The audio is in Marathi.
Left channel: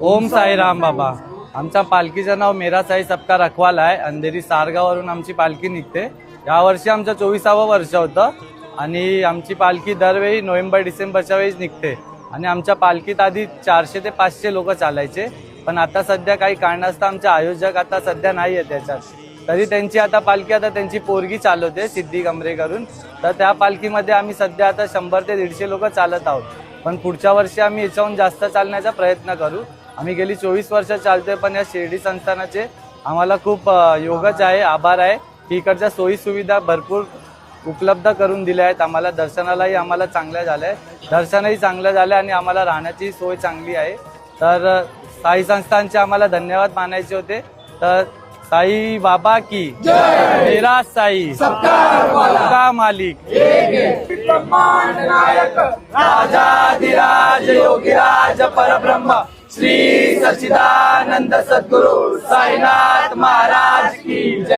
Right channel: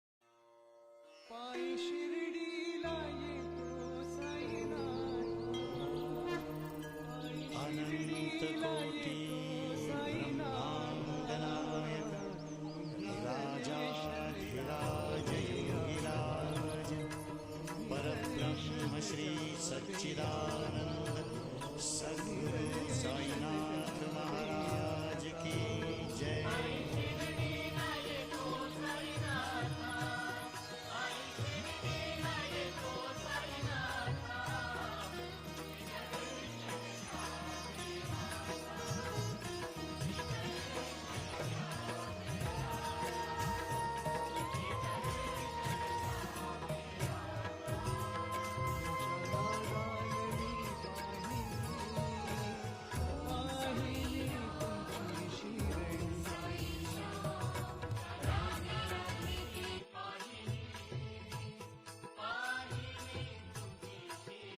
ओम साईराम बाबा। आमच्या पालखीचं नाव मेरा साई सबका रखवाला आहे। अंधेरी सारगावरून आमची पालखी निघते। यावर्षी आमचं 24वे वर्ष होतं आणि आमची पालखी दरवेळी नोव्हेंबर डिसेंबरच्या वेळेस निघते आणि आमच्या पालखीत आधी 400 ते 500 लोक चालायचे, पण आता सध्या काही कारणास्तव आमचे आयोजक आता सध्या नाही आहे त्याच्यात, तरी त्यांची आता पालखी आता त्यांची पोरगी चालवते सिद्धी कमरेकरून, तर त्या पालखीमध्ये आम्ही सध्या आता 100 ते 150 लोक चालत आहोत। पण पुढच्या वर्षी आम्ही याच्याहून जास्त चालण्याचा प्रयत्न करू। आम्ही गेली 24 वर्ष चालतोय, पण या शिर्डी संस्थानाचे आम्हाला खूप योगच आहे, आभार आहे की इकडच्या सोयी सुविधा भरपूर उपलब्ध करून दिल्या आहेत आम्हाला। दर्शनालाही आम्हाला चांगल्या झाल्या, दर्शनही चांगलं झालं आणि आम्हाला राहण्याची सोय चांगली आहे। तर साई संस्थानचे आम्हाला धन्यवाद मानायचे होते। तर साई बाबा की जय, मेरा साई सबका मालिक, राजाधिराज योगीराज परब्रह्म श्री सच्चिदानंद सद्गुरु साईनाथ महाराज की